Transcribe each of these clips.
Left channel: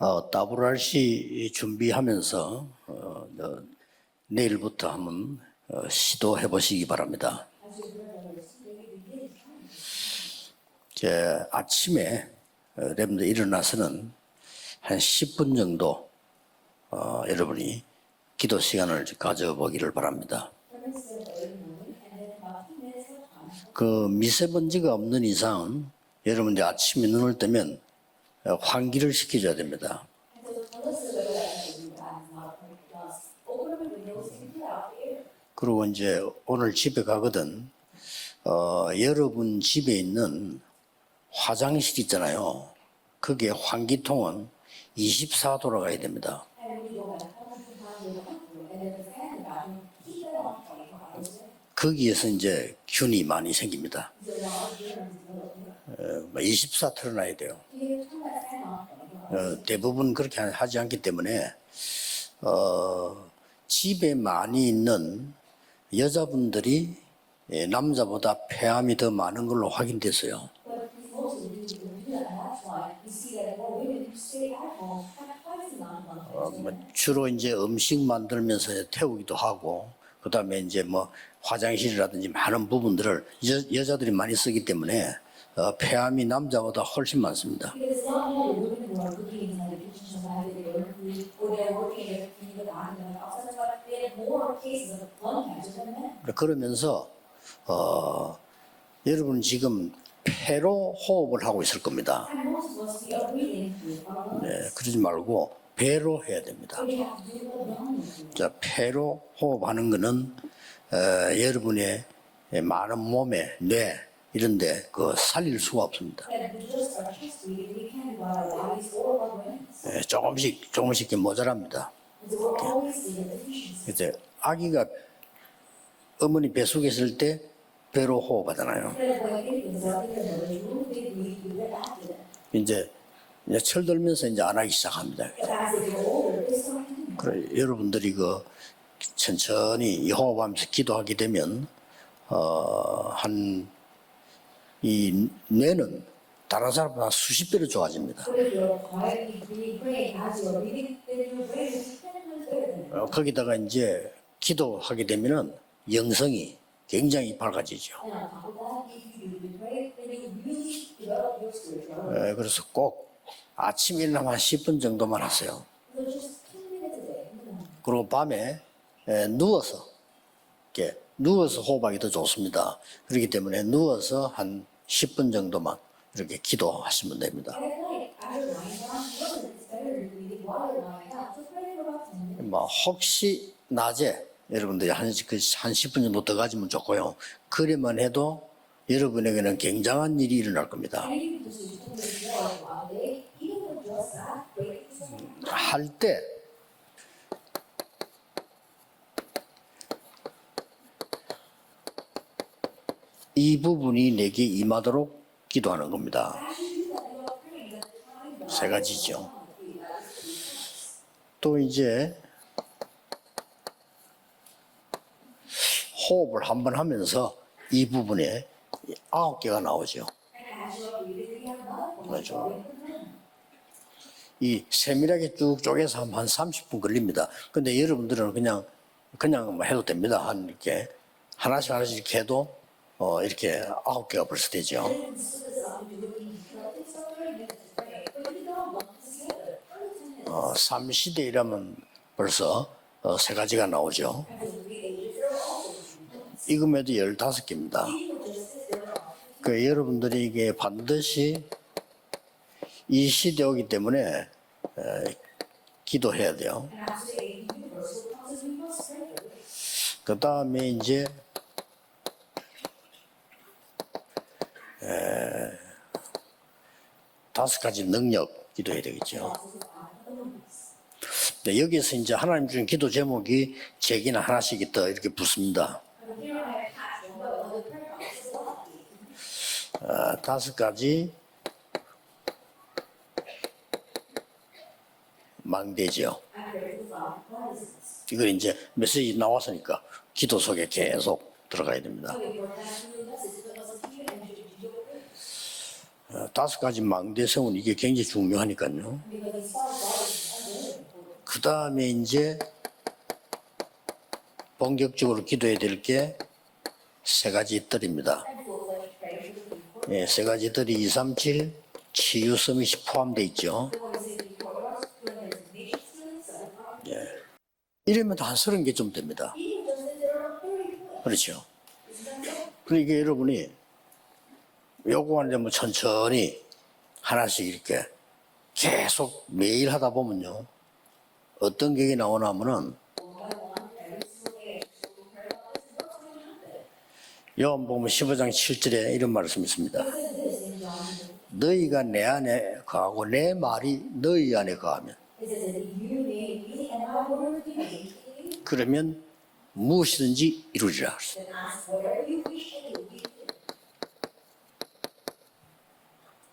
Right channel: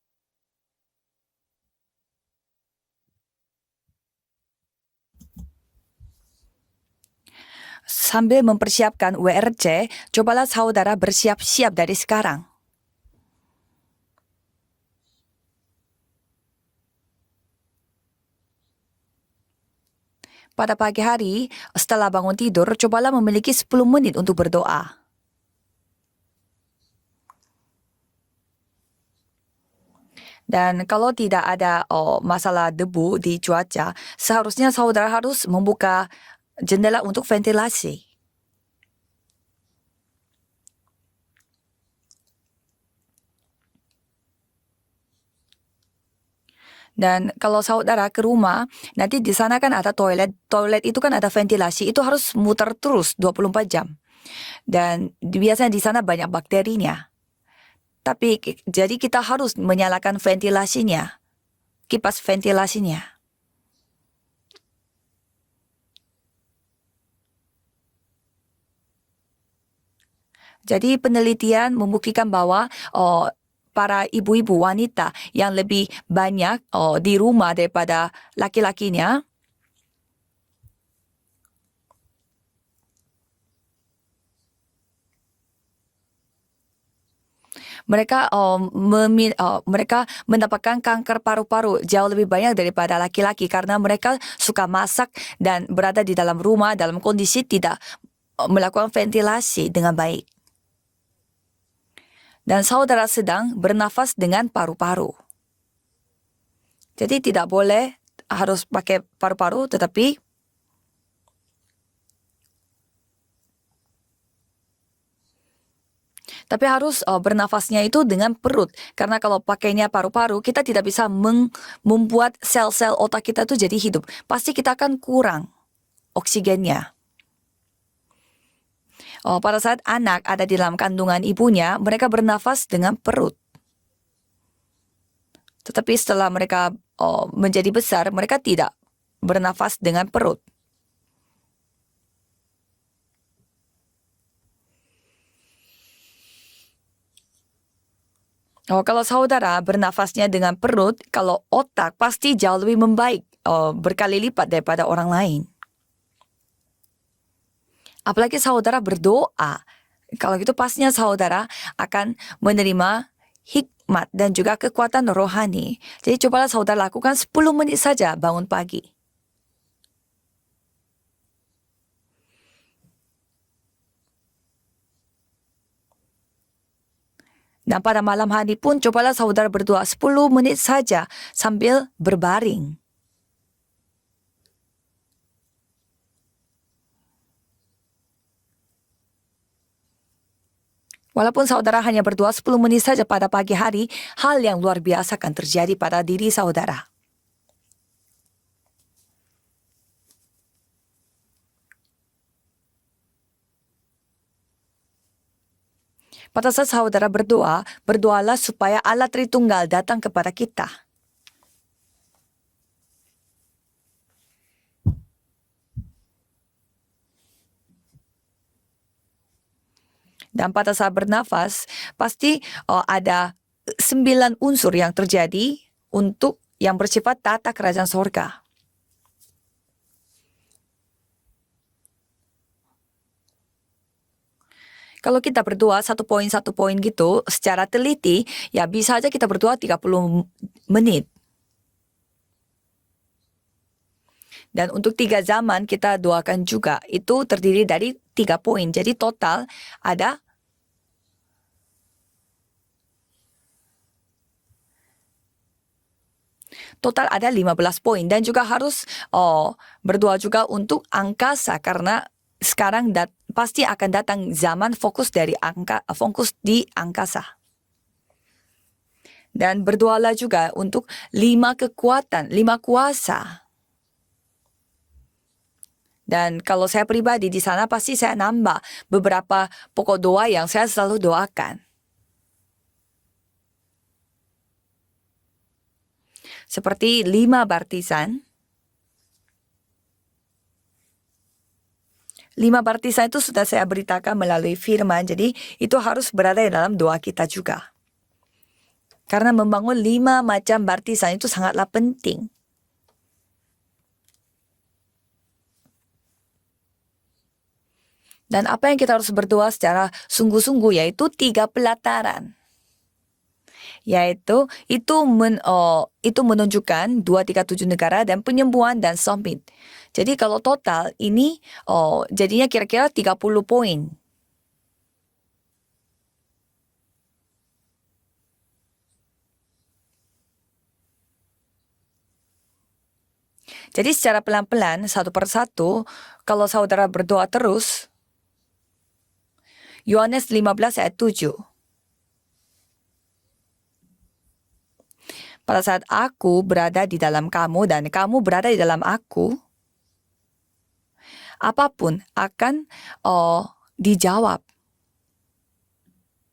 WRC 준비하면서 내일부터 한번 시도해 보시기 바랍니다. Sambil mempersiapkan WRC, cobalah saudara bersiap-siap dari sekarang. 여러분들 일어나서는 한 10분 정도 여러분이 기도 시간을 가져보기를 바랍니다. Pada pagi hari, setelah bangun tidur, cobalah memiliki 10 menit untuk berdoa. 미세먼지가 없는 이상은 여러분들 아침에 눈을 뜨면 환기를 시켜줘야 됩니다. Dan kalau tidak ada masalah debu di cuaca, seharusnya saudara harus membuka jendela untuk ventilasi. 여러분 집에 있는 화장실 있잖아요. 그게 환기통은 24도로 가야 됩니다. Dan kalau saudara ke rumah, nanti di sana kan ada toilet. Toilet itu kan ada ventilasi, itu harus muter terus 24 jam. Dan biasanya di sana banyak bakterinya. Tapi jadi kita harus menyalakan ventilasinya, kipas ventilasinya. 집에 많이 있는 여자분들이 남자보다 폐암이 더 많은 걸로 확인됐어요. Jadi penelitian membuktikan bahwa para ibu-ibu wanita yang lebih banyak di rumah daripada laki-lakinya. 그다음에 이제 뭐 화장실이라든지 많은 부분들을 여자들이 많이 쓰기 때문에 폐암이 남자보다 훨씬 많습니다. Mereka mereka mendapatkan kanker paru-paru jauh lebih banyak daripada laki-laki karena mereka suka masak dan berada di dalam rumah dalam kondisi tidak melakukan ventilasi dengan baik. 폐로 호흡을 하고 있을 겁니다. Dan saudara sedang bernafas dengan paru-paru. 배로 해야 됩니다. Jadi tidak boleh harus pakai paru-paru, tetapi 여러분의 많은 몸에 뇌 이런데 살릴 수가 없습니다. Tapi harus bernafasnya itu dengan perut, karena kalau pakainya paru-paru kita tidak bisa membuat sel-sel otak kita itu jadi hidup. Pasti kita akan kurang oksigennya. Pada saat anak ada di dalam kandungan ibunya, mereka bernafas dengan perut. Tetapi setelah mereka menjadi besar, mereka tidak bernafas dengan perut. 이 뇌는 다른 사람보다 수십 배로 좋아집니다. Kalau saudara bernafasnya dengan perut, kalau otak pasti jauh lebih membaik, berkali lipat daripada orang lain. 영성이 굉장히 밝아지죠. Apalagi saudara berdoa, kalau gitu pastinya saudara akan menerima hikmat dan juga kekuatan rohani. Jadi cobalah saudara lakukan 10 menit saja bangun pagi. 누워서 호흡하기 더 좋습니다. 그렇기 때문에 누워서 한 10분 정도만 이렇게 기도하시면 됩니다. Dan pada malam hari pun cobalah saudara berdoa 10 menit saja sambil berbaring. 혹시 낮에 여러분들이 한 10분 정도 더 가지면 좋고요. 그래만 해도 여러분에게는 굉장한 일이 일어날 겁니다. Walaupun saudara hanya berdoa 10 menit saja pada pagi hari, hal yang luar biasa akan terjadi pada diri saudara. 이 부분이 내게 임하도록 기도하는 겁니다. Pada saat saudara berdoa, berdoalah supaya Allah Tritunggal datang kepada kita. 또 이제 호흡을 한번 하면서 이 부분에 9개가 나오죠. Dan pada saat bernafas, pasti ada 9 unsur yang terjadi untuk yang bersifat tata kerajaan sorga. 그냥 해도 됩니다. 한 이렇게 하나씩 이렇게 해도 이렇게 9개가 벌써 되죠. Kalau kita berdoa satu poin gitu secara teliti, ya bisa aja kita berdoa 30 menit. 시대이라면 벌써 3가지가 나오죠. Dan untuk 3 zaman kita doakan juga, itu terdiri dari 3 poin. Jadi total ada 이게 반드시 이 시대 오기 때문에 기도해야 돼요. total ada 15 poin dan juga harus berdoa juga untuk angkasa karena sekarang pasti akan datang zaman fokus di angkasa. 5가지 능력 기도해야 되겠죠. Dan berdoalah juga untuk 5 kekuatan, 5 kuasa. 제기는 하나씩 더 이렇게 붙습니다. Dan kalau saya pribadi di sana pasti saya nambah beberapa pokok doa yang saya selalu doakan. 망대죠. Seperti 5 baptisan. 이거 이제 메시지 나왔으니까 기도 속에 계속 들어가야 됩니다. 5 baptisan itu sudah saya beritakan melalui firman. Jadi itu harus berada di dalam doa kita juga. 이게 굉장히 중요하니까요. Karena membangun 5 macam baptisan itu sangatlah 그다음에 penting. 이제 본격적으로 기도해야 될 게 세 가지 뜰입니다. Dan apa yang kita harus berdoa secara 세 가지 sungguh-sungguh 뜰이 yaitu 3 pelataran. 치유 서밋이 포함되어 있죠. Yaitu itu menunjukkan 237 negara dan penyembuhan dan summit. Jadi kalau total ini jadinya kira-kira 30 poin. 요거 이제 뭐 천천히 하나씩 이렇게 계속 매일 하다 보면요. 어떤 계획이 나오냐면은 Jadi secara pelan-pelan satu persatu kalau saudara berdoa terus, 요한복음 15장 7절에 이런 말씀이 있습니다. Yohanes 15 ayat 7. 너희가 내 안에 거하고 내 말이 너희 안에 거하면 Pada saat aku berada di dalam kamu dan kamu berada di dalam aku, 무엇이든지 이루리라. apapun akan dijawab.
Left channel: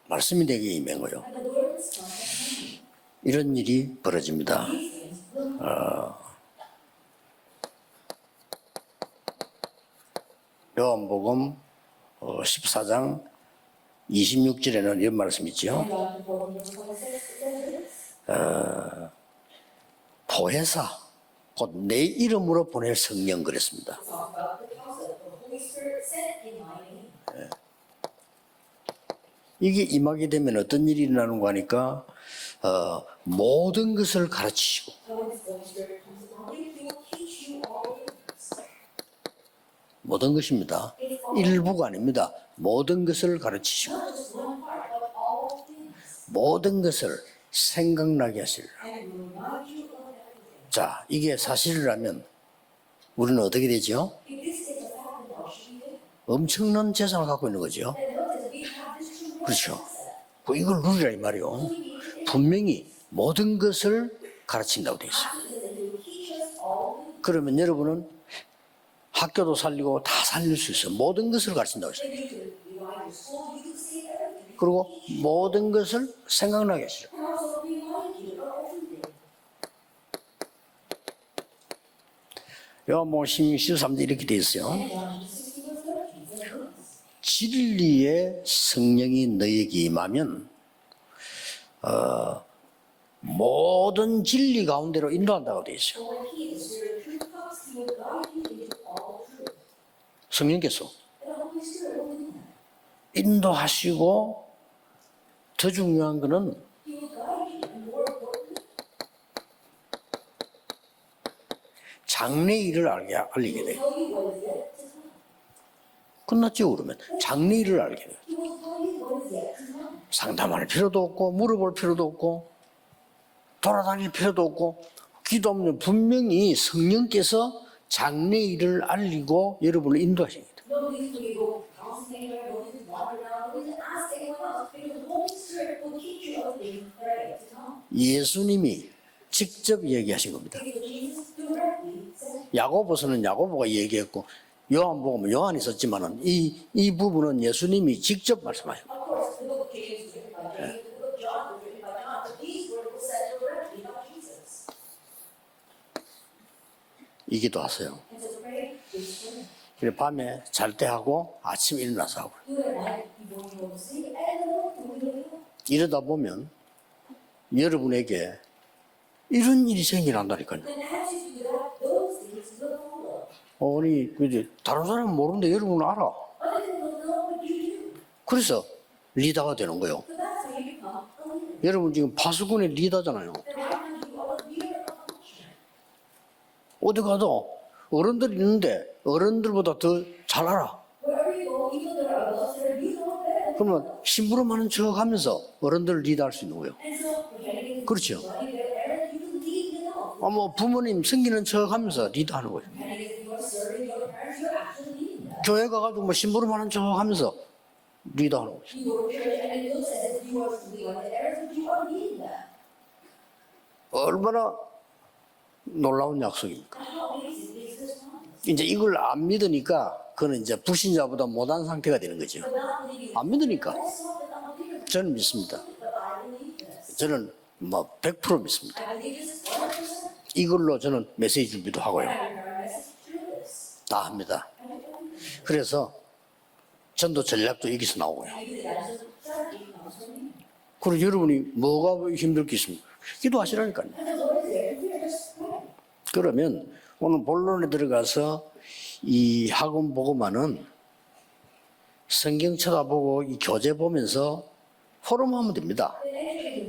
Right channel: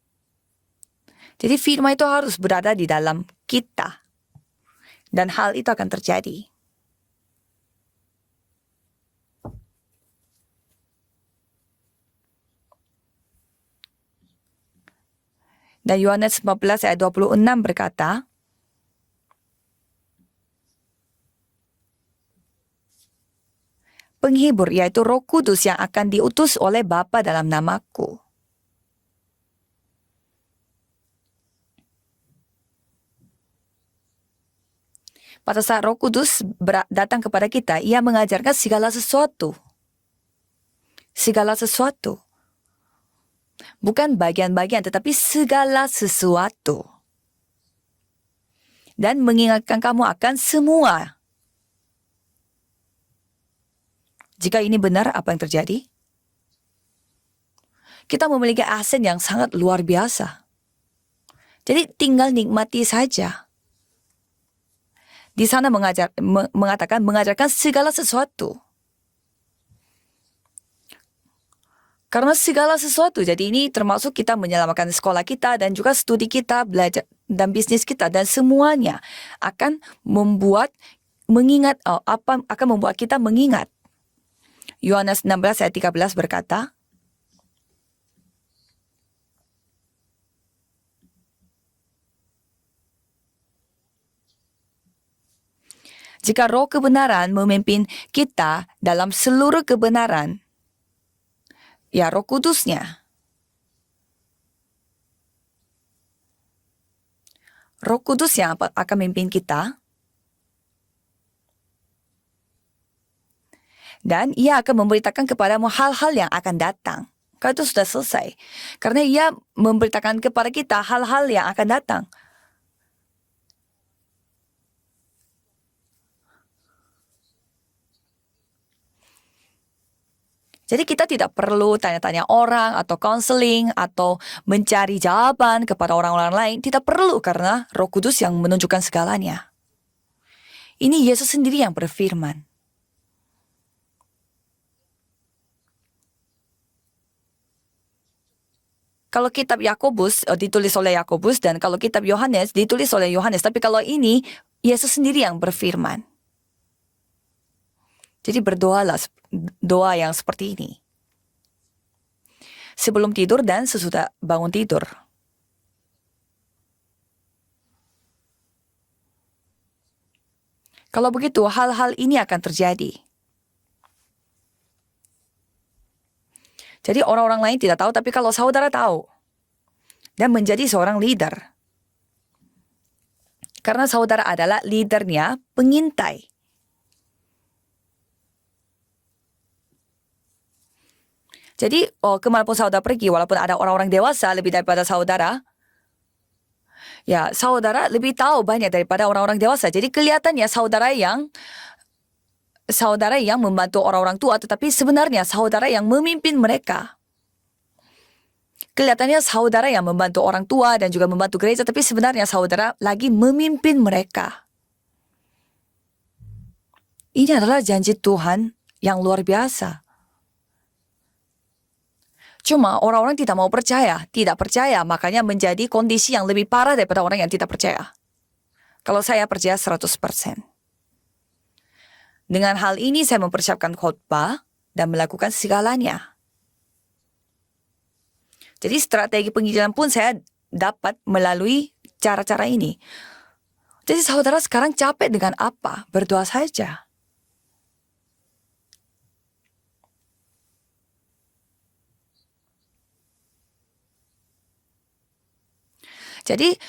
말씀이 내게 임한 거요. Jadi firman itu harus berada di dalam 이런 일이 kita 벌어집니다. dan hal itu akan terjadi. 요한복음 14장 26절에는 이런 말씀이 있죠. Dan Yohanes 15 ayat 26 berkata, 보혜사 곧 내 이름으로 보낼 성령 그랬습니다. penghibur yaitu Roh Kudus yang akan diutus oleh Bapa dalam namaku. 이게 임하게 되면 어떤 일이 일어나는 거 하니까 모든 것을 가르치시고 Pada saat Roh Kudus datang kepada kita, ia mengajarkan segala sesuatu. 모든 것입니다. Segala 일부가 sesuatu. 아닙니다. 모든 것을 가르치시고 Bukan bagian-bagian tetapi segala 모든 sesuatu. 것을 생각나게 하시리라. Dan mengingatkan kamu akan semua. 이게 사실이라면 우리는 어떻게 되죠? Jika ini benar, apa yang terjadi? 엄청난 재산을 갖고 있는 거죠. Kita memiliki aset yang sangat luar biasa. 이걸 누리라 이 말이요. Jadi tinggal 분명히 nikmati saja. 모든 것을 가르친다고 돼 있어요. Di sana mengajarkan 그러면 segala 여러분은 sesuatu. 학교도 살리고 다 살릴 수 있어요. 모든 것을 가르친다고 했어요. Karena segala sesuatu. Jadi ini termasuk kita menyelamatkan sekolah kita dan juga studi kita, belajar dan bisnis kita dan semuanya akan membuat akan membuat kita mengingat. 23절 이렇게 돼 있어요. Yohanes 16 ayat 13 berkata, 진리의 성령이 너에게 임하면 모든 진리 가운데로 인도한다고 돼 있어요. jika roh kebenaran memimpin kita dalam seluruh kebenaran, 성령께서 ya Roh Kudusnya, 인도하시고 더 중요한 거는 Roh Kudus yang akan memimpin kita 장래 일을 알리게 돼요. dan ia akan memberitakan kepadamu hal-hal yang akan datang. Kalau itu sudah selesai. Karena ia memberitakan kepada kita hal-hal yang akan datang. 돌아다닐 필요도 없고 기도하면 분명히 성령께서 장래 일을 알리고 여러분을 인도하십니다. Jadi kita tidak perlu tanya-tanya orang atau konseling atau mencari jawaban kepada orang-orang lain. Tidak perlu karena Roh Kudus yang menunjukkan segalanya. 직접 얘기하신 겁니다. Ini Yesus sendiri yang berfirman. 야고보서는 야고보가 얘기했고 요한복음은 요한이 썼지만은 이 부분은 예수님이 직접 말씀하셨습니다. Kalau kitab Yakobus ditulis oleh Yakobus dan kalau kitab Yohanes ditulis oleh Yohanes. Tapi kalau ini Yesus sendiri yang berfirman. 이 기도하세요. Jadi berdoalah doa yang seperti ini. 잘때 하고 아침 일어나서 하고. Sebelum tidur dan sesudah bangun tidur. 이러다 보면 여러분에게 이런 일이 생겨난다니까요. Kalau begitu hal-hal ini akan terjadi. 아니 그지 다른 사람은 모르는데 여러분은 알아. Jadi orang-orang lain tidak tahu tapi kalau saudara tahu 리더가 되는 거예요. dan menjadi seorang leader. 여러분 지금 파수꾼의 리더잖아요. Karena saudara adalah leadernya, pengintai. 어디 가도 어른들 있는데 어른들보다 더 잘 알아. Jadi kemanapun saudara pergi, walaupun ada orang-orang dewasa lebih daripada saudara, 어른들을 리드할 수 있는 거예요. ya saudara lebih tahu banyak daripada orang-orang dewasa. Jadi kelihatannya 챙기는 척하면서 리드하는 거예요. saudara yang membantu orang-orang tua, tetapi sebenarnya saudara yang memimpin mereka. 하면서 리드하는 거예요. Kelihatannya saudara yang membantu orang tua dan juga membantu gereja, tapi sebenarnya saudara lagi memimpin mereka. 얼마나 놀라운 약속입니까? Ini adalah janji Tuhan 이제 이걸 yang luar 안 biasa. 믿으니까 그는 이제 불신자보다 못한 상태가 되는 거죠. Cuma orang-orang tidak mau 믿으니까. tidak percaya, makanya menjadi kondisi yang lebih parah daripada orang yang tidak percaya. 100% 믿습니다. Kalau saya percaya 100%. 이걸로 저는 메시지 준비도 하고요. Dengan hal ini saya mempersiapkan khotbah dan melakukan segalanya. 전도 전략도 여기서 나오고요. Jadi strategi penginjilan pun saya dapat 그리고 여러분이 melalui 뭐가 cara-cara 힘들겠어요? ini. 기도하시라니까요. Jadi saudara sekarang capek dengan apa? Berdoa 그러면 saja. 오늘 본론에 들어가서 이 학원 보고만은 성경 쳐다보고 이 교재 보면서 포럼하면 됩니다. Jadi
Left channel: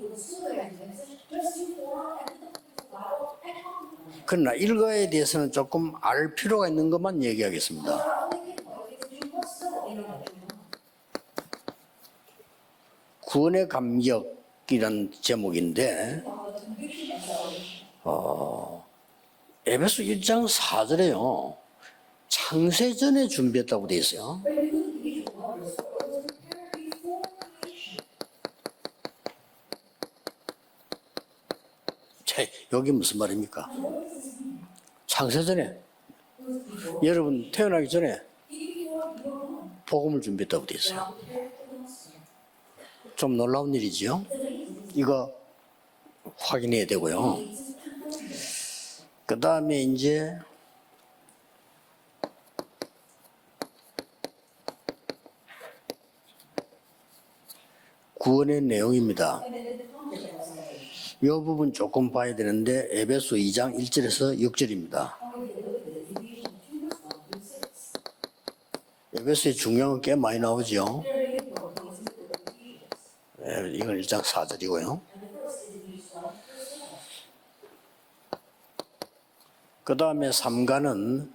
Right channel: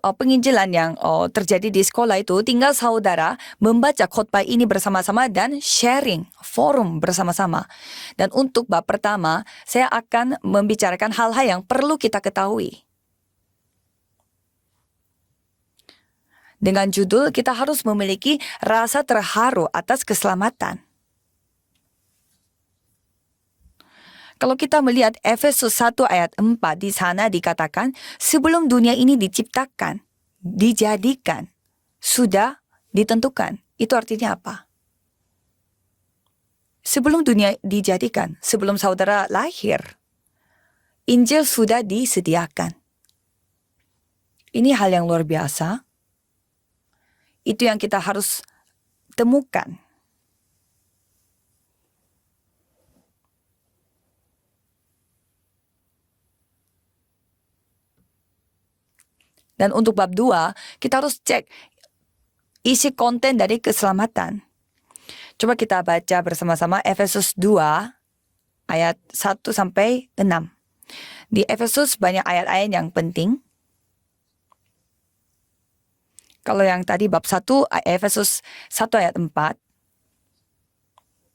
penginjilan yang terjadi di sekolah itu tinggal saudara membaca khotbah Karena ini 이거에 bersama-sama 대해서 dan 조금 sharing 알 필요가 forum 있는 것만 bersama-sama. 얘기하겠습니다. Dan untuk bab pertama, saya akan membicarakan hal-hal yang perlu kita ketahui. 구원의 감격이란 제목인데 Dengan judul kita harus memiliki rasa terharu atas 에베소 1장 keselamatan. 4절에요. 창세전에 준비했다고 돼 있어요. Kalau kita melihat Efesus 1 ayat 4 di sana dikatakan sebelum dunia ini diciptakan, dijadikan, sudah 여기 무슨 ditentukan. 말입니까? Itu artinya apa? 창세전에 Sebelum 여러분 dunia 태어나기 dijadikan, sebelum saudara lahir, 복음을 준비했다고 돼 있어요. Injil sudah disediakan. 좀 놀라운 일이죠. Ini hal yang luar biasa. 확인해야 되고요. Itu yang kita harus 그 temukan. 다음에 이제 구원의 내용입니다. Dan untuk bab 2, kita harus 이 cek. 부분 조금 봐야 되는데 isi konten dari 에베소 2장 keselamatan. 1절에서 6절입니다. Coba kita baca bersama-sama Efesus 2 ayat 1 sampai 꽤 많이 6. 나오죠. Di Efesus banyak ayat-ayat yang penting. 이건 1장 4절이고요. Kalau yang tadi bab 1 Efesus 1 ayat 4. 그 다음에 3가는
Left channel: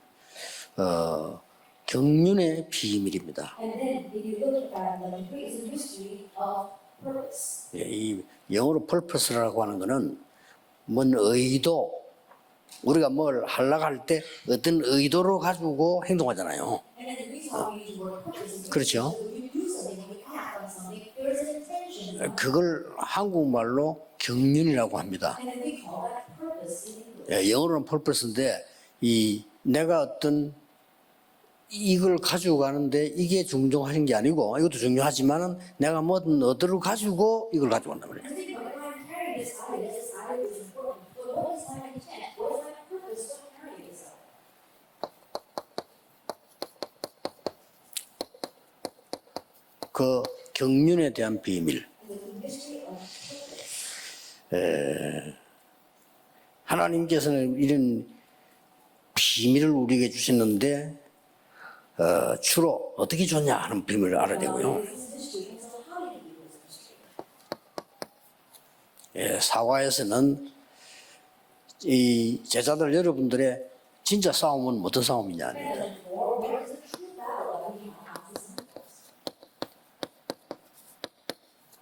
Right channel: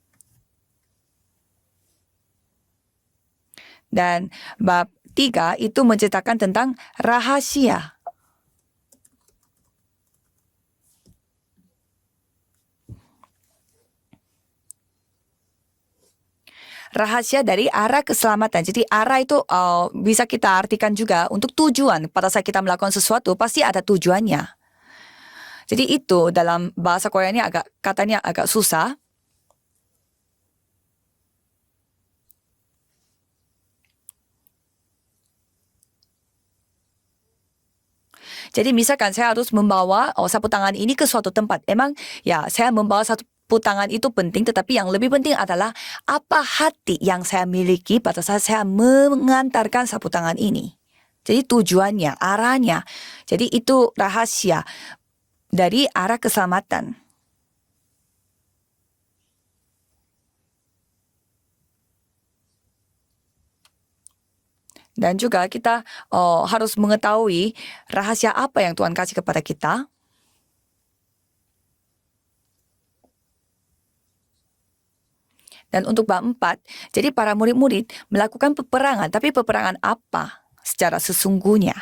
경륜의 비밀입니다. Dan bab 3 itu menceritakan tentang rahasia. 이 영어로 purpose라고 하는 거는 뭔 의도 우리가 뭘 하려고 할 때 어떤 의도로 가지고 행동하잖아요. Rahasia dari arah keselamatan. Jadi arah itu bisa kita artikan juga untuk tujuan. Pada saat kita melakukan sesuatu pasti ada tujuannya. 경륜이라고 합니다. Jadi itu dalam bahasa Koreanya 영어로는 katanya purpose인데 agak susah. 이 내가 어떤 이걸 가지고 가는데 이게 중요하신 게 아니고 이것도 중요하지만은 내가 뭐든 어디로 가지고 이걸 가지고 간단 말이에요. Jadi misalkan saya harus membawa sapu tangan ini ke suatu tempat. Memang ya saya membawa sapu tangan itu penting, tetapi yang lebih penting adalah apa hati yang saya miliki pada saat saya mengantarkan sapu tangan ini. 경륜에 대한 Jadi 비밀. tujuannya, arahnya. Jadi itu rahasia dari arah keselamatan. 하나님께서는 이런 비밀을 우리에게 주셨는데 주로 어떻게 줬냐 하는 비밀을 알아야 되고요. Dan juga kita harus mengetahui rahasia apa yang Tuhan kasih kepada kita. 사화에서는 이 제자들 여러분들의 진짜 싸움은 어떤 싸움이냐. Dan untuk bab 4, jadi para murid-murid melakukan peperangan, tapi peperangan apa secara sesungguhnya?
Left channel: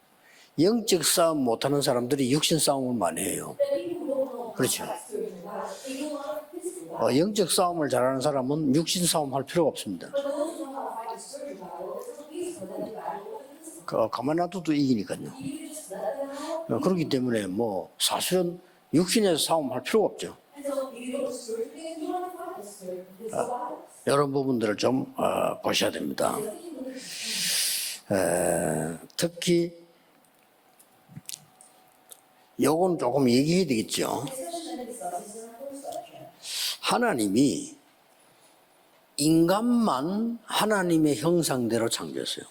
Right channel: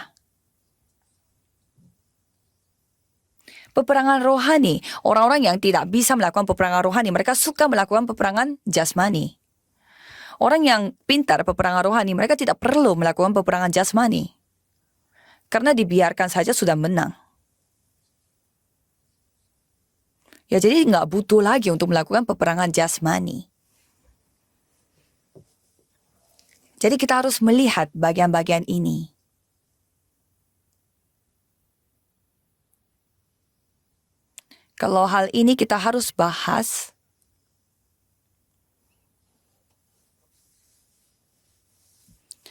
영적 싸움 못하는 사람들이 육신 싸움을 많이 해요. Peperangan rohani. Orang-orang yang tidak bisa melakukan peperangan rohani, mereka 영적 suka 싸움을 melakukan 잘하는 peperangan 사람은 육신 jasmani. 싸움할 필요가 없습니다. Orang yang pintar peperangan rohani, mereka tidak perlu melakukan peperangan jasmani. 가만 놔둬도 이기니까요. Karena dibiarkan saja sudah menang. 그렇기 때문에 뭐 사실은 육신에서 싸움할 필요가 없죠. Ya jadi nggak butuh lagi untuk melakukan peperangan jasmani. 이런 부분들을 좀 보셔야 됩니다. Jadi kita harus melihat bagian-bagian ini. 특히 요건 조금 얘기해야 되겠죠. Kalau hal ini kita harus bahas. 하나님이 인간만 하나님의 형상대로 창조했어요.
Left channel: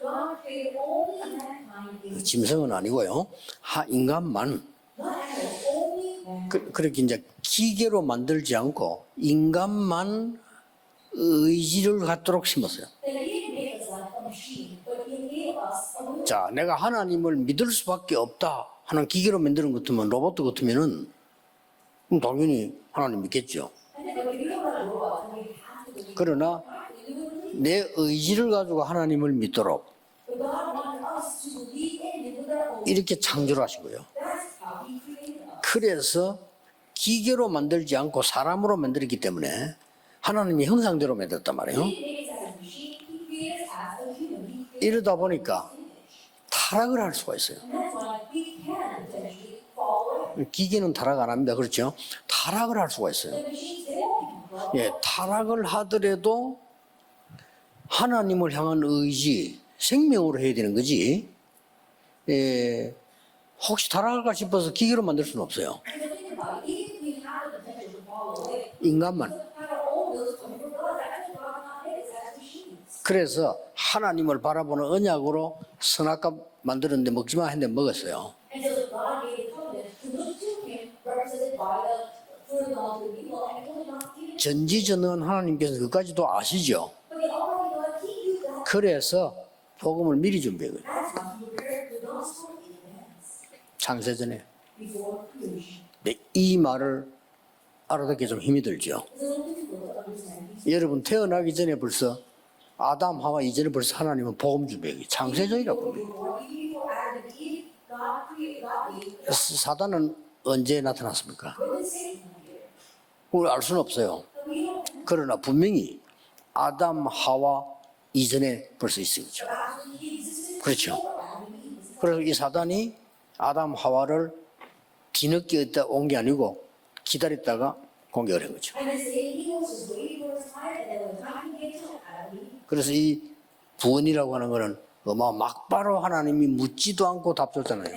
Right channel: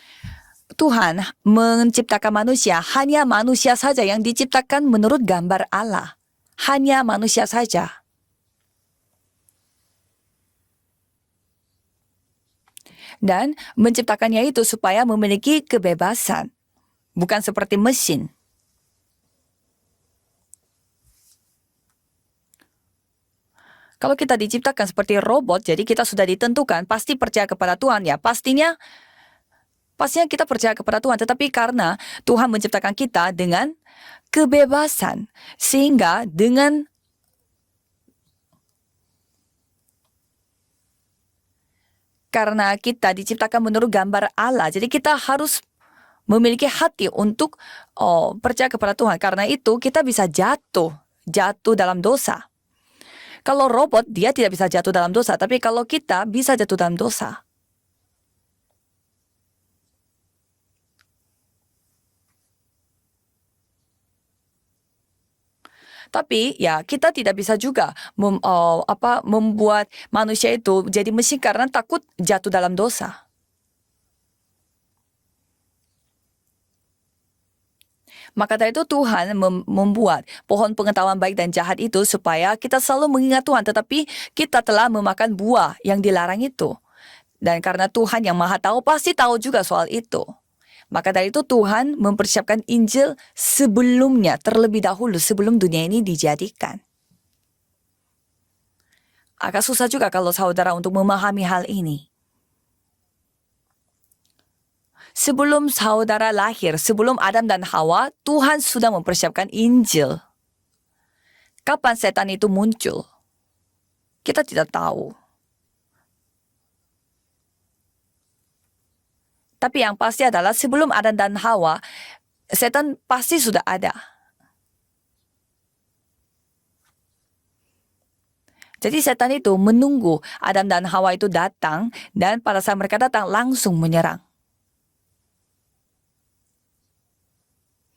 Tuhan menciptakan manusia, hanya manusia saja yang diciptakan menurut gambar Allah. Hanya manusia saja. 기계로 만들지 않고 인간만 의지를 갖도록 심었어요. Dan menciptakannya itu supaya memiliki 자, kebebasan. 내가 하나님을 bukan 믿을 seperti 수밖에 mesin. 없다 하는 기계로 만드는 것 같으면 로봇 같으면은 그럼 당연히 하나님 믿겠죠. Kalau kita diciptakan seperti robot, jadi kita sudah ditentukan pasti percaya kepada 내 Tuhan ya. 의지를 Pastinya 가지고 하나님을 믿도록 pastinya kita percaya kepada Tuhan. Tetapi karena Tuhan menciptakan 이렇게 kita dengan 창조하시고요. kebebasan, sehingga 그래서 dengan 기계로 만들지 않고 사람으로 만들었기 때문에 하나님의 형상대로 만들었단 말이에요. karena kita diciptakan menurut gambar Allah, jadi 이러다 kita 보니까 harus memiliki 타락을 hati 할 수가 untuk percaya kepada Tuhan. Karena itu kita bisa 기계는 jatuh, 타락 안 합니다. jatuh 그렇죠? dalam dosa. 타락을 할 수가 있어요. Kalau robot dia tidak bisa jatuh dalam dosa, tapi 타락을 kalau kita 하더라도 bisa jatuh dalam dosa. 하나님을 향한 의지, 생명으로 해야 되는 거지. 혹시 타락할까 싶어서 기계로 만들 수는 없어요. Tapi ya kita tidak bisa juga Ingaman. membuat manusia itu jadi mesin karena takut jatuh dalam dosa. 그래서 하나님을 바라보는 언약으로 선악과 만들었는데 먹지 마 했는데 먹었어요. Maka dari itu Tuhan membuat pohon pengetahuan baik dan jahat itu supaya kita selalu mengingat Tuhan, tetapi kita telah memakan buah yang dilarang itu. Dan karena Tuhan yang Maha Tahu pasti tahu juga soal itu. 복음을 미리 준비해요. Maka dari itu Tuhan mempersiapkan Injil sebelumnya, terlebih dahulu sebelum dunia ini 이 dijadikan. 말을 알아듣기 좀 힘이 들죠. Agak susah juga kalau saudara untuk 여러분 memahami 태어나기 hal 전에 ini. 벌써 아담 하와 이전에 벌써 하나님은 복음 준비해요. Sebelum saudara lahir, sebelum Adam dan Hawa, Tuhan sudah mempersiapkan Injil. 사단은 언제 나타났습니까? Kapan setan itu muncul? 그걸 알 수는 없어요. Kita tidak tahu. 그러나 분명히 아담 하와 이전에 벌써 있었죠. Tapi yang pasti adalah sebelum Adam dan Hawa, 그리고 이 사단이 setan pasti sudah 아담 ada. 하와를 뒤늦게 온 게 아니고 기다렸다가 공격을 한 거죠. Jadi setan itu menunggu Adam dan Hawa itu datang, dan pada saat mereka datang langsung menyerang. 구원이라고 하는 거는 막바로 하나님이 묻지도 않고 답 줬잖아요.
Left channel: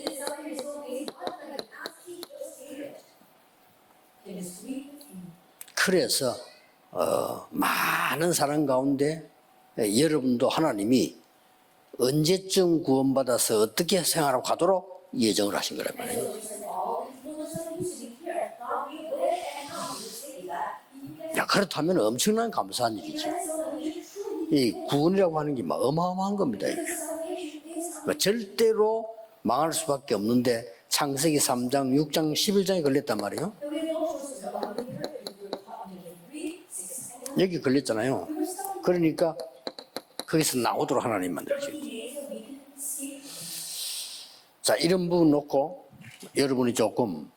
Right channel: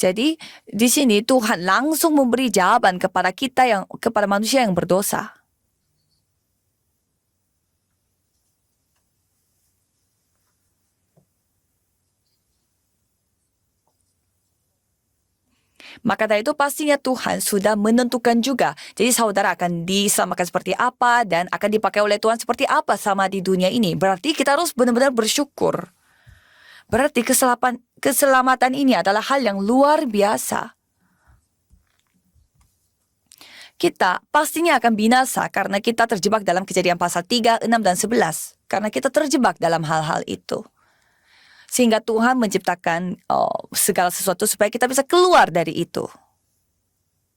Jadi di sini Tuhan langsung memberi jawaban kepada manusia yang berdosa. 그래서 많은 사람 가운데 여러분도 하나님이 언제쯤 구원받아서 어떻게 생활하고 가도록 예정을 하신 거랍니다. Maka dari itu pastinya Tuhan sudah menentukan juga. Jadi saudara akan diselamatkan seperti apa dan akan dipakai oleh Tuhan seperti apa sama di dunia ini. Berarti kita harus benar-benar bersyukur. 어마어마한 겁니다. Berarti keselamatan ini adalah hal yang luar biasa. 창세기 3장, 6장, 11장에 걸렸단 말이에요. Kita pastinya akan binasa karena kita terjebak dalam Kejadian pasal 3, 6, dan 11. Karena kita terjebak dalam hal-hal 거기서 itu. 나오도록 하나님 만들죠. Sehingga Tuhan menciptakan segala sesuatu supaya kita bisa keluar dari itu. 여러분이 조금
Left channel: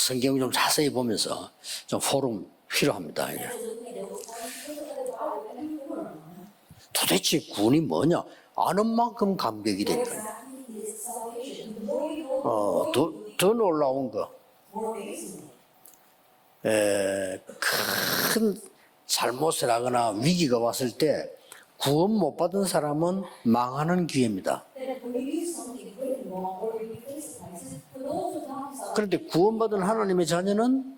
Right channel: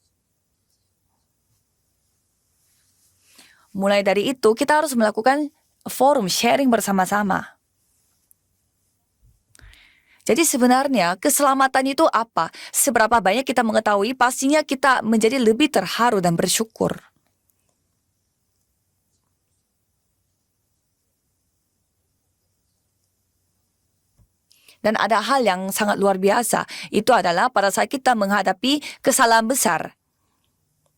성경 좀 자세히 보면서 좀 포럼 필요합니다. 이제. Mulai dari itu kita harus melakukan forum sharing bersama-sama. 도대체 구원이 뭐냐? 아는 만큼 감격이 됩니다. Jadi sebenarnya keselamatan itu apa? Seberapa banyak kita mengetahui, pastinya kita menjadi lebih terharu dan bersyukur. 큰 잘못을 하거나 위기가 왔을 때 구원 못 받은 사람은 망하는 기회입니다. Dan ada hal yang sangat luar biasa. Itu adalah pada saat kita menghadapi 그런데 kesalahan 구원받은 besar. 하나님의 자녀는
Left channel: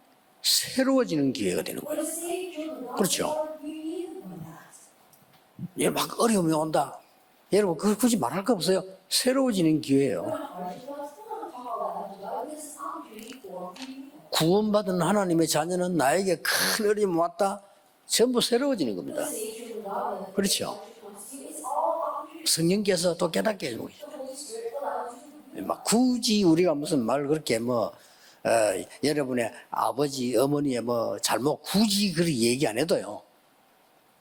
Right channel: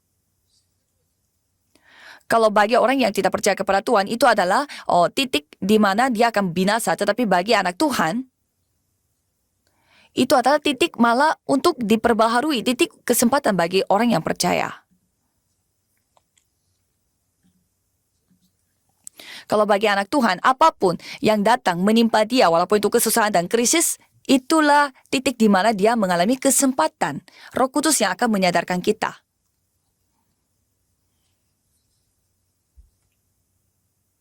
새로워지는 기회가 되는 거예요. Kalau bagi orang yang tidak percaya kepada Tuhan, itu adalah titik di mana dia akan binasa. Tetapi bagi anak 굳이 Tuhan, 말할 거 없어요. 새로워지는 기회예요. itu adalah titik malah untuk diperbaharui, titik kesempatan bagi orang yang percaya. 구원받은 하나님의 자녀는 나에게 큰 어려움이 왔다. 전부 새로워지는 겁니다. Kalau bagi anak Tuhan, apapun yang datang menimpa dia, walaupun itu kesusahan dan krisis, itulah titik di mana dia mengalami kesempatan. Roh Kudus yang akan menyadarkan kita. 여러분의 아버지, 어머니의 뭐 잘못 굳이 그렇게 얘기 안 해도요.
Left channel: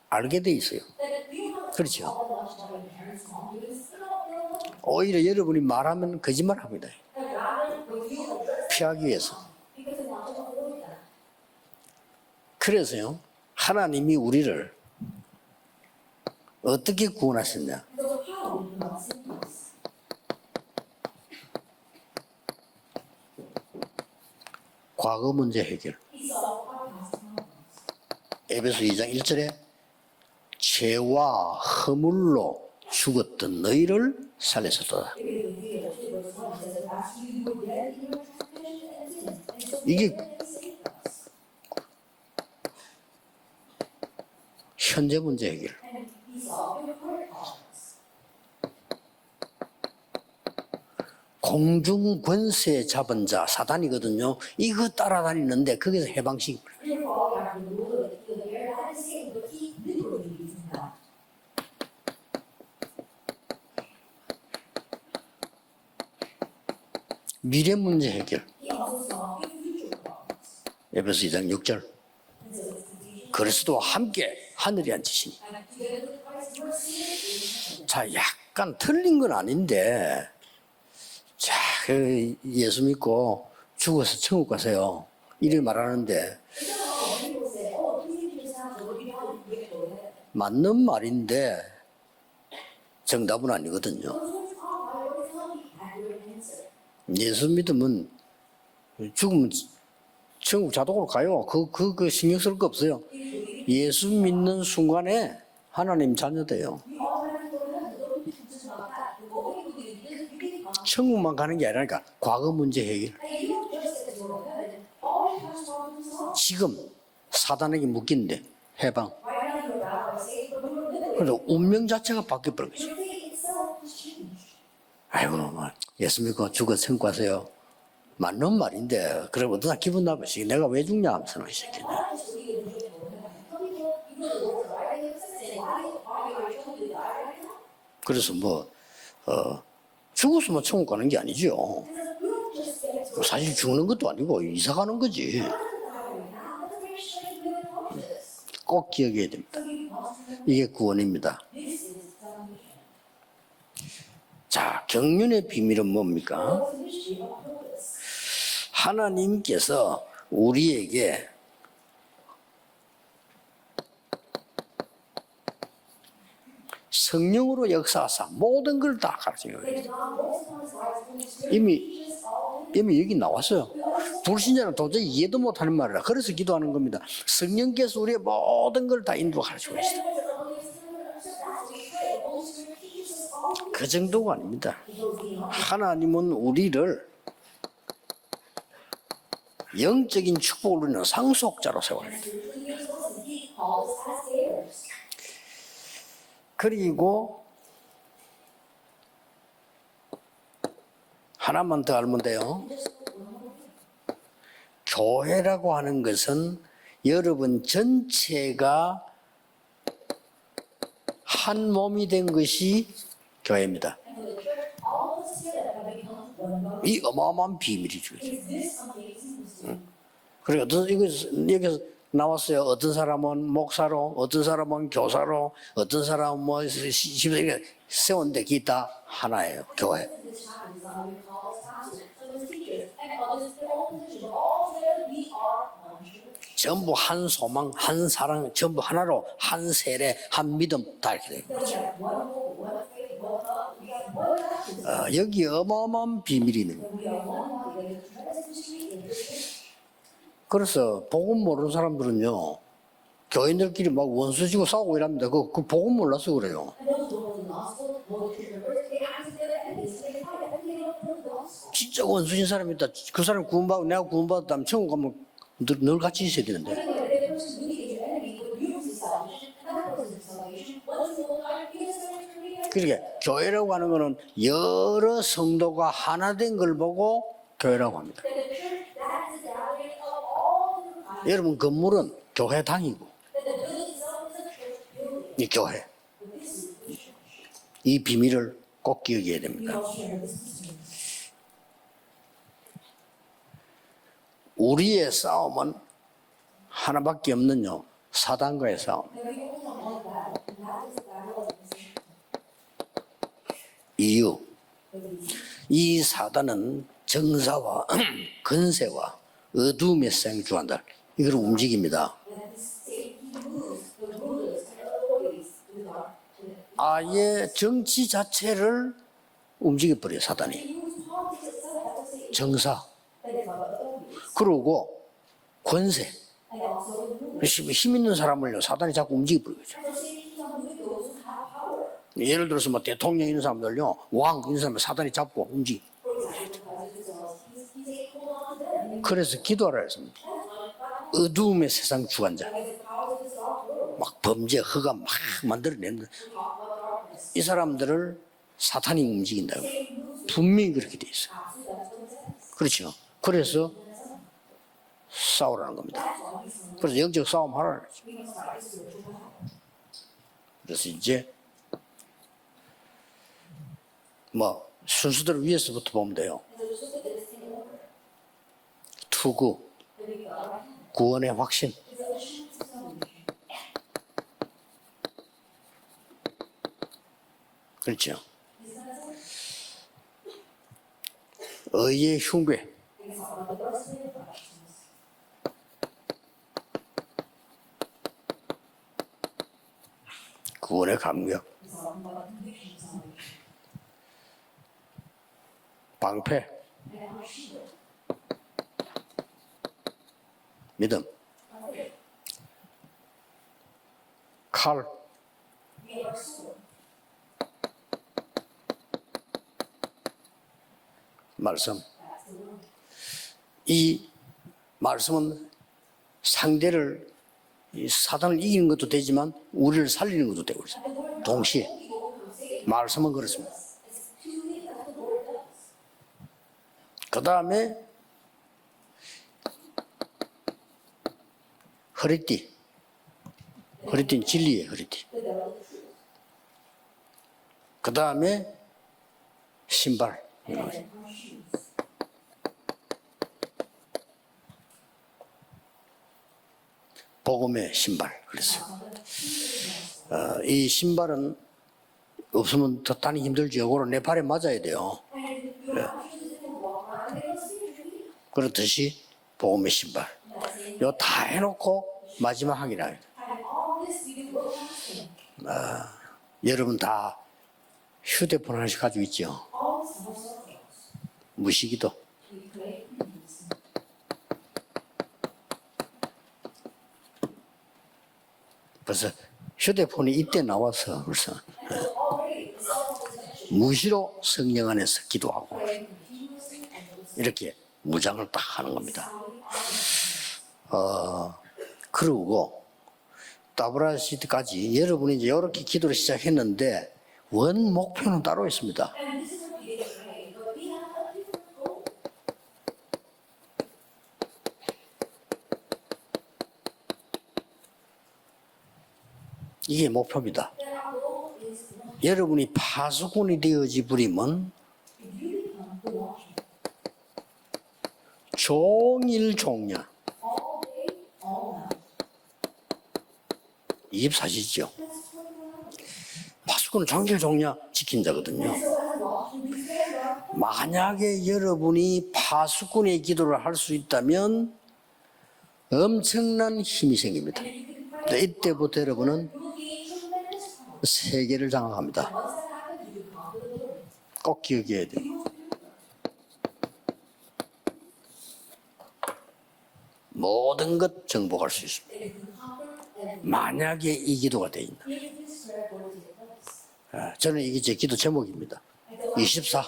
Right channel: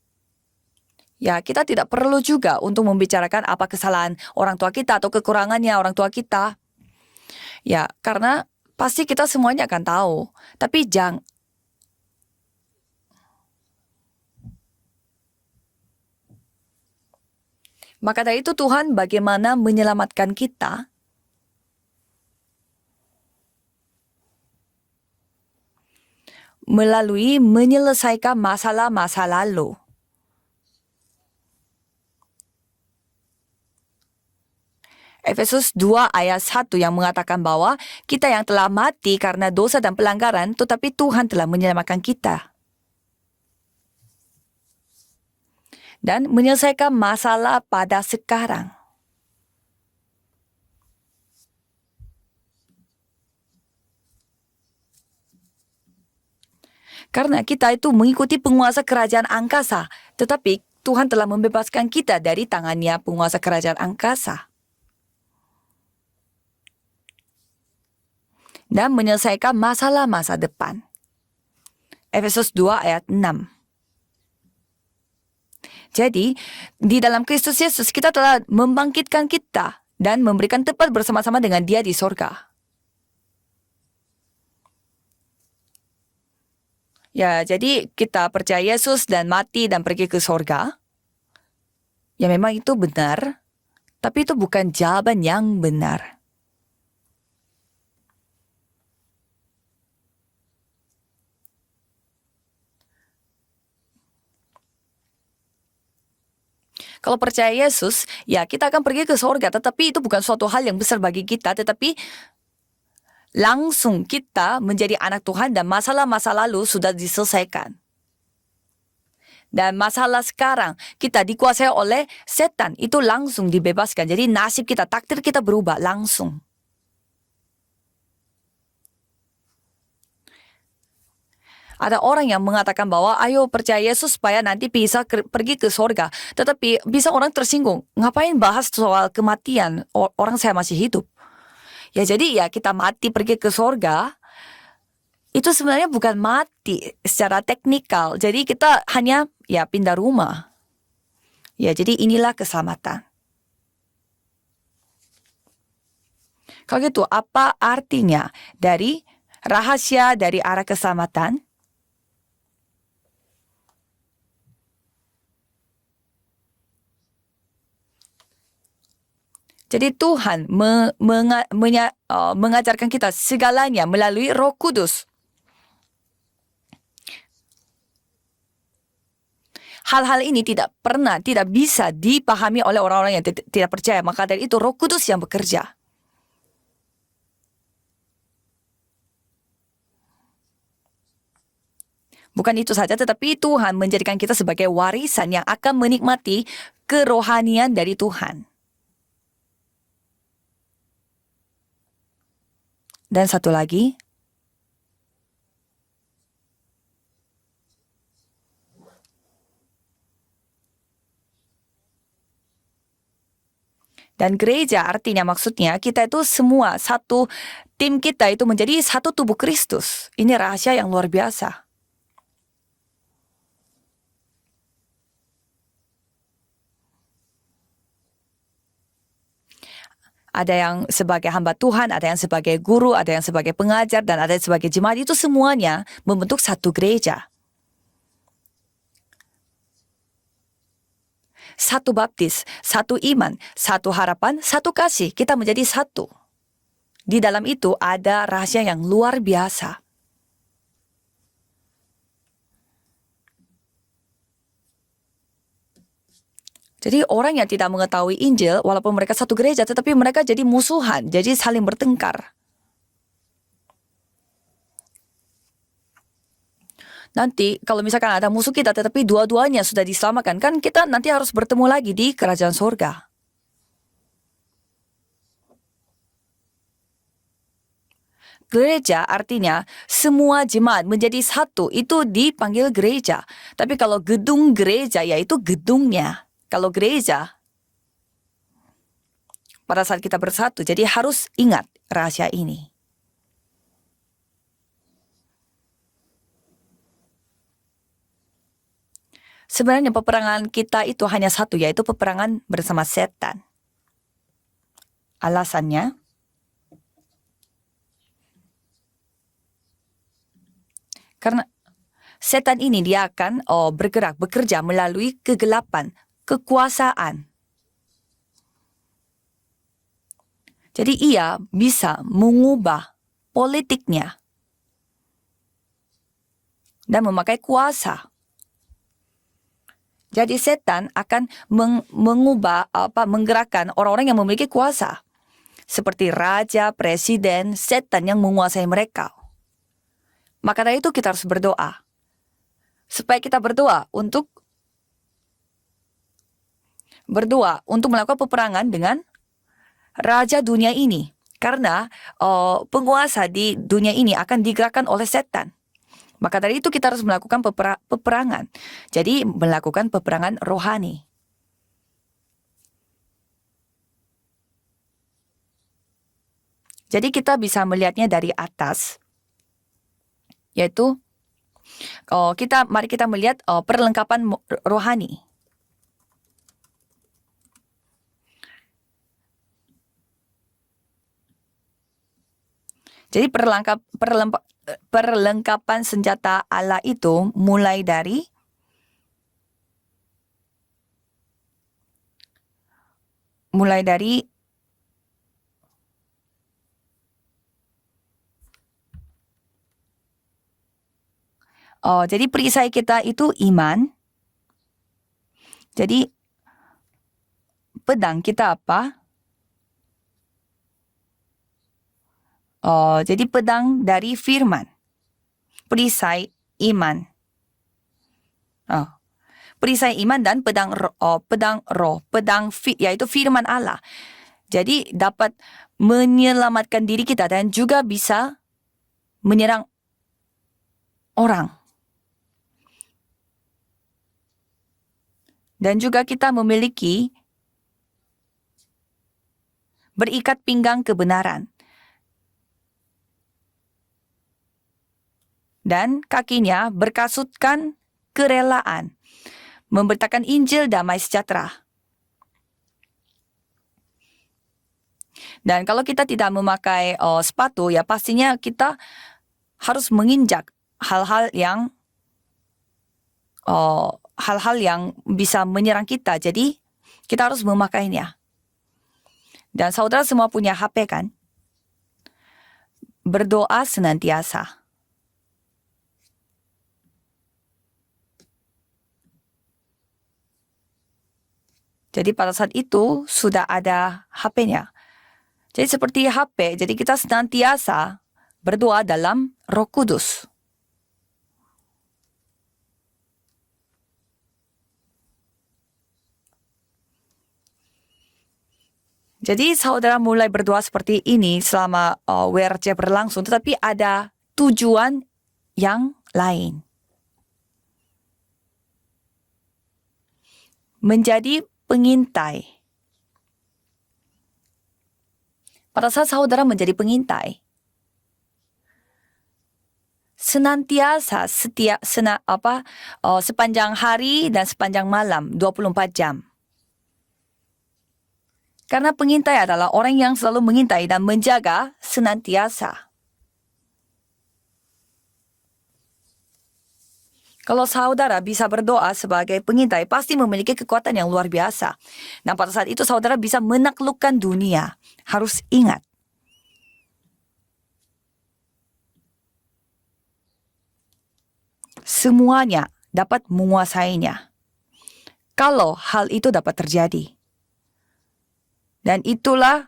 알게 돼 있어요. Ya, kita tidak perlu juga untuk membicarakan apa kesalahan orang tua kita atau 오히려 kekurangannya 여러분이 orang tua 말하면 kita. 거짓말합니다. Ya, karena pasti kita semuanya akan tahu. Tapi jangan. 그래서요. 하나님이 우리를 어떻게 구원하셨냐? Maka dari itu Tuhan bagaimana menyelamatkan kita 과거 문제 해결. melalui menyelesaikan masalah-masa lalu. 죄와 허물로 죽었던 너희를 살려줬다. Efesus 2 ayat 1 yang mengatakan bahwa kita yang telah mati karena dosa dan pelanggaran, tetapi Tuhan telah menyelamatkan kita. 현재 문제 해결. Dan menyelesaikan masalah pada sekarang. 공중 권세 잡은 자 사단이거든요. 이거 따라다니는데 거기서 해방식. Karena kita itu mengikuti penguasa kerajaan angkasa, tetapi Tuhan telah membebaskan kita dari tangannya penguasa kerajaan angkasa. 미래 문제 해결. Dan menyelesaikan masalah-masa depan. 에베소 2장 6절. Efesus 2 ayat 6. 그리스도와 함께 하늘에 앉으시니. Jadi, di dalam Kristus Yesus kita telah membangkitkan kita dan memberikan tempat bersama-sama dengan Dia di sorga. 예수 믿고 죽어서 천국 가세요. 이를 말하는데 Ya, jadi kita percaya Yesus dan mati dan pergi ke sorga. 맞는 말인데 Ya memang itu benar, 정답은 아니거든요. tapi itu bukan jawaban yang benar. 예수 믿으면 죽으면 천국 자동으로 가요. 그 신경 쓸 거 없어요. 예수 믿는 순간에 하나님 자녀돼요. Kalau percaya Yesus, ya kita akan pergi ke surga. Tetapi itu bukan suatu hal yang besar bagi 천국만 kita. 가는 게 Tetapi 아니라 과거 문제 해결. langsung kita menjadi anak Tuhan dan masalah-masa lalu sudah diselesaikan. 사단에게 묶인데 해방. Dan masalah sekarang kita dikuasai oleh setan. Itu langsung dibebaskan. Jadi nasib kita, takdir kita berubah 예수 langsung. 믿고 죽어 천국하세요. 맞는 말인데 그럼 어떠나 기분 나쁘시. 내가 왜 죽냐 하면서 이 새끼. Ada orang yang mengatakan bahwa ayo percaya Yesus supaya nanti bisa pergi ke surga. Tetapi bisa orang tersinggung. Ngapain bahas soal kematian orang saya masih hidup? 가는 게 아니죠. Ya jadi ya kita mati pergi ke 사실 죽는 것도 surga. 아니고 이사 가는 거지. Itu sebenarnya bukan mati secara teknikal. Jadi kita hanya ya pindah rumah. 이게 구원입니다. Ya jadi inilah keselamatan. 자, 경륜의 비밀은 뭡니까? Kalau gitu apa artinya dari rahasia dari arah keselamatan? 성령으로 역사하사 모든 걸 다 가르쳐요. Jadi Tuhan mengajarkan kita segalanya melalui Roh Kudus. 이해도 못하는 말이라. 그래서 기도하는 겁니다. 성령께서 우리의 모든 걸 다 인도하셔요. Hal-hal ini tidak bisa dipahami oleh orang-orang yang tidak percaya. Maka dari itu Roh Kudus yang bekerja. 하나님은 우리를 영적인 축복을 누리는 상속자로 세워요. Bukan itu saja, tetapi Tuhan menjadikan kita sebagai warisan yang akan menikmati kerohanian dari Tuhan. 하나만 더 알면 돼요. Dan satu lagi, 교회라고 하는 것은 여러분 전체가 한 몸이 된 것이 교회입니다. dan gereja artinya maksudnya kita itu semua satu tim kita itu menjadi satu tubuh Kristus. Ini rahasia yang luar biasa. 여기서 나왔어요. 어떤 사람은 목사로, 어떤 사람은 교사로, 어떤 사람은 뭐 이렇게 세운데 기타 하나예요. 교회. Ada yang sebagai hamba Tuhan, ada yang sebagai guru, ada yang sebagai pengajar, dan ada yang sebagai jemaat. Itu semuanya membentuk satu 전부 gereja. 한 소망, 한 사랑, 전부 하나로 한 세례, 한 믿음 다 이렇게 돼요. Satu baptis, satu iman, satu harapan, satu kasih. Kita menjadi satu. 어마어마한 비밀이 있는 거예요. Di dalam itu ada rahasia yang luar biasa. 그래서 복음 모르는 사람들은요. 교인들끼리 막 원수지고 싸우고 이랍니다. 그 복음 몰라서 그래요. Jadi orang yang tidak mengetahui Injil, walaupun mereka satu gereja, tetapi mereka jadi musuhan, jadi saling bertengkar. 원수진 사람이 있다. 그 사람 구원받고 내가 구원받았다면 천국 가면 늘 같이 있어야 되는데. Nanti kalau misalkan ada musuh kita, tetapi dua-duanya sudah diselamatkan, kan kita nanti harus bertemu lagi di kerajaan surga. 교회라고 하는 거는 여러 성도가 하나 된 걸 보고 교회라고 합니다. Gereja artinya semua jemaat menjadi satu, itu dipanggil gereja. Tapi kalau gedung gereja, yaitu gedungnya. Kalau gereja, 이 비밀을 꼭 기억해야 됩니다. pada saat kita bersatu, jadi harus ingat rahasia ini. 우리의 싸움은 하나밖에 없는요. 사단과의 싸움. Sebenarnya peperangan kita itu hanya satu, yaitu peperangan bersama setan. 이유. Alasannya, 이 사단은 정사와 근세와 어둠의 생주한다. 이걸 움직입니다. setan ini dia akan bekerja melalui kegelapan, kekuasaan. 아예 정치 자체를 움직여버려요, 사단이. Jadi ia bisa mengubah politiknya 그러고 권세. dan memakai 힘 kuasa. 있는 사람을요, 사단이 자꾸 움직여버리죠. Jadi setan akan mengubah menggerakkan orang-orang yang memiliki kuasa. 사단이 잡고 움직여. Seperti raja, presiden, setan yang menguasai mereka. 그래서 기도하라 했습니다. Maka dari itu kita harus berdoa. 어둠의 세상 주관자. Supaya kita berdoa untuk 범죄 허가 막 만들어내는 melakukan peperangan dengan 사탄이 움직인다고. raja dunia ini. Karena penguasa di dunia ini akan digerakkan oleh setan. 싸우라는 겁니다. Maka dari itu kita harus melakukan peperangan. Jadi melakukan peperangan rohani. 이제 뭐 순서대로 위에서부터 보면 돼요. Jadi kita bisa melihatnya dari atas, 투구, yaitu 구원의 확신, mari kita melihat perlengkapan rohani. 그렇죠. 의의 흉배, Jadi perlengkapan senjata Allah itu mulai dari 구원의 감격, 방패, 믿음, jadi perisai kita itu iman, 칼, Jadi pedang kita apa? 말씀. Jadi pedang dari firman, 말씀은 perisai iman. 이 사단을 이기는 것도 되지만 Perisai 우리를 iman dan 살리는 pedang 것도 pedang 동시에 roh, yaitu firman Allah. Jadi dapat menyelamatkan diri kita dan juga bisa menyerang orang. 허리띠는 진리의 허리띠. Dan juga kita memiliki 그 다음에 신발. berikat pinggang kebenaran. Dan kakinya berkasutkan kerelaan, memberitakan Injil damai sejahtera. 없으면 더 힘들죠. 요거는 내 발에 맞아야 돼요. Dan kalau kita tidak memakai sepatu, ya pastinya kita 그렇듯이 복음의 harus 신발. menginjak 다 hal-hal yang 해놓고 마지막 항이라. hal-hal yang bisa menyerang kita. Jadi 여러분 다 kita harus memakainya. 휴대폰 하나씩 가지고 있죠. Dan saudara semua punya HP kan? 무시기도. Berdoa senantiasa. 벌써 휴대폰이 이때 나와서 벌써 Jadi pada saat itu sudah ada 무시로 HP-nya. 성령 안에서 기도하고 Jadi seperti HP, jadi kita senantiasa berdoa dalam Roh Kudus. 그러고 따브라시드까지 여러분이 이제 이렇게 기도를 시작했는데 원 목표는 따로 있습니다. Jadi saudara mulai berdoa seperti ini selama WRC berlangsung, tetapi ada tujuan yang lain. 이게 목표입니다. Menjadi pengintai. 여러분이 파수꾼이 되어지 버리면 Pada saat saudara menjadi pengintai, 종일 종냐 senantiasa sepanjang hari dan sepanjang malam 24 jam. 파수꾼은 종일 종냐 지킨 자거든요. Karena pengintai adalah orang yang selalu mengintai dan menjaga 여러분이 senantiasa. 파수꾼의 기도를 할 수 있다면 엄청난 힘이 생깁니다. Kalau saudara bisa berdoa sebagai pengintai, pasti memiliki kekuatan yang luar biasa. Dan pada saat itu saudara bisa menaklukkan dunia. Harus ingat, 모든 것 정복할 수 있습니다. semuanya dapat 만약에 menguasainya. 이 기도가 돼 있는. Kalau hal itu dapat terjadi. 저는 이게 제 기도 제목입니다. Dan itulah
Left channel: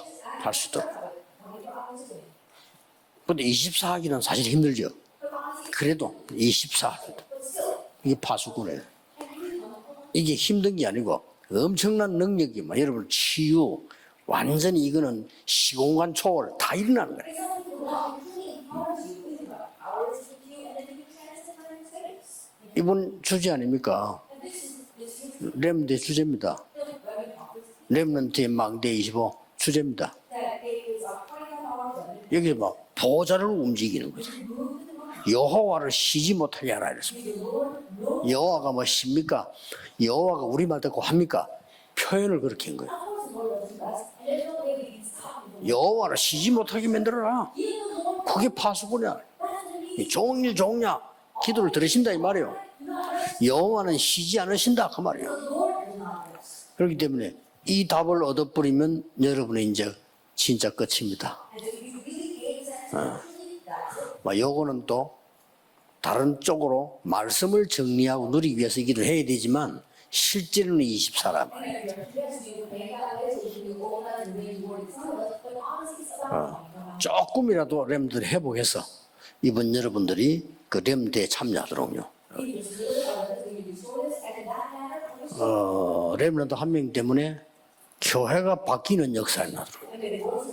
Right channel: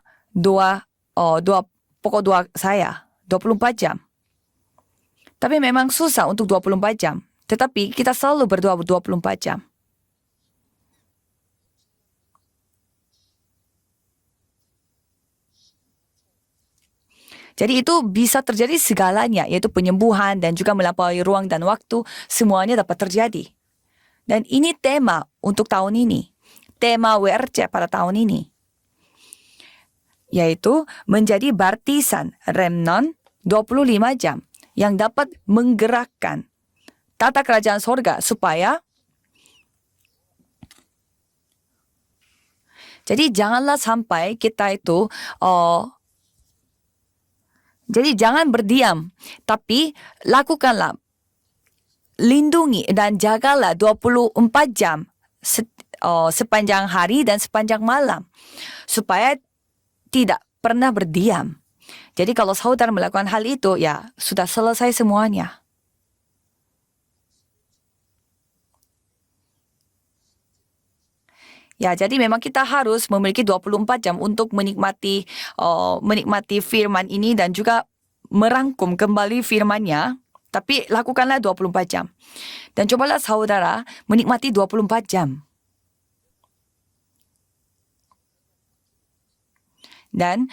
pokok doa saya, 24 jam. 하기는 사실 힘들죠. Tapi memang susah untuk 24 jam. Tetapi kita selalu berdoa 24 jam. 이게 힘든 게 아니고 엄청난 능력이만 여러분 치유 완전히 이거는 시공간 초월 다 일어나는 거예요. Jadi itu bisa terjadi segalanya, yaitu penyembuhan dan juga melampaui ruang dan waktu, semuanya dapat 이건 terjadi. 주제 아닙니까? Dan ini tema untuk tahun ini, 주제입니다. tema WRC pada tahun ini, 망대 25 주제입니다. yaitu menjadi baptisan remnon 25 jam yang dapat 여호와를 쉬지 menggerakkan 못하게 하라 이랬습니다. tata kerajaan sorga supaya 여호와가 십니까? 여호와가 우리 말 듣고 합니까? 표현을 그렇게 한 거예요. jadi janganlah sampai kita itu 여호와를 쉬지 못하게 만들어라. jadi jangan berdiam, tapi lakukanlah, 기도를 들으신다 이 말이에요. lindungi dan jagalah 24 jam sepanjang hari dan sepanjang malam supaya tidak pernah berdiam. Jadi kalau saudara melakukan hal itu, ya sudah selesai semuanya. 다른 쪽으로 말씀을 정리하고 누리기 위해서 기도를 해야 되지만 실제로는 24란 말이에요. Ya, jadi memang kita harus memiliki 24 jam untuk menikmati firman ini dan juga merangkum kembali firman-Nya. Tapi lakukanlah 24 jam. Dan cobalah saudara menikmati 24 jam. 렘넌트 한 명 때문에 교회가 바뀌는 역사가 나더라고요. Dan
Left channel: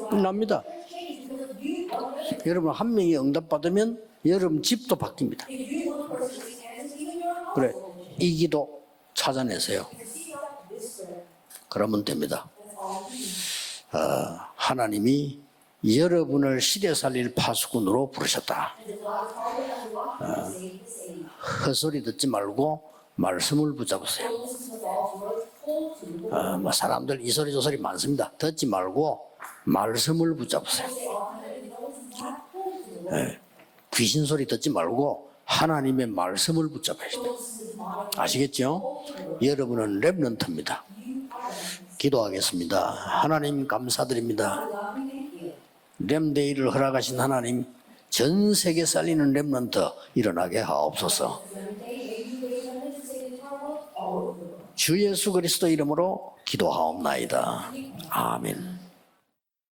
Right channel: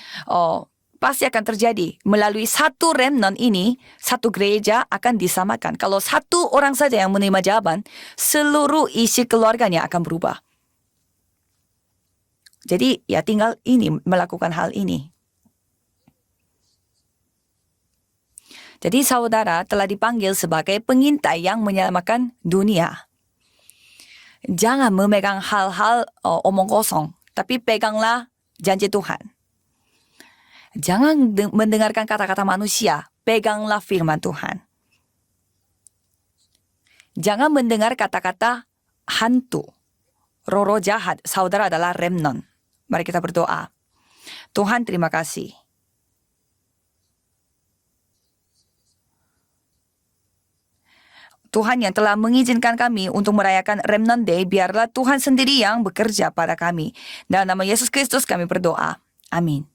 pasti akan terjadi melalui satu remnant ini, satu gereja akan disamakan. Kalau satu orang saja yang menerima jawaban, seluruh isi keluarganya akan berubah. 그러면 됩니다. Jadi ya tinggal ini melakukan hal ini. 하나님이 여러분을 시대 살릴 파수꾼으로 부르셨다. Jadi saudara telah dipanggil sebagai pengintai yang menyelamatkan dunia. 말씀을 붙잡으세요. Jangan memegang hal-hal omong kosong, tapi peganglah janji Tuhan. 말씀을 붙잡으세요. Jangan mendengarkan kata-kata manusia, peganglah firman 귀신 소리 Tuhan. 듣지 말고 하나님의 말씀을 붙잡으세요. Jangan mendengar kata-kata 아시겠죠? hantu, 여러분은 렘넌트입니다. roh jahat. Saudara adalah remnant. 기도하겠습니다. Mari kita berdoa. 하나님 감사드립니다. Tuhan terima kasih. 렘데이를 허락하신 하나님, 전 세계 살리는 렘넌트 일어나게 하옵소서. Tuhan yang telah mengizinkan kami untuk merayakan Remnant Day, biarlah 주 Tuhan 예수 sendiri 그리스도 yang 이름으로 bekerja pada kami. 기도하옵나이다. Dalam nama Yesus Kristus kami 아멘. berdoa. Amin.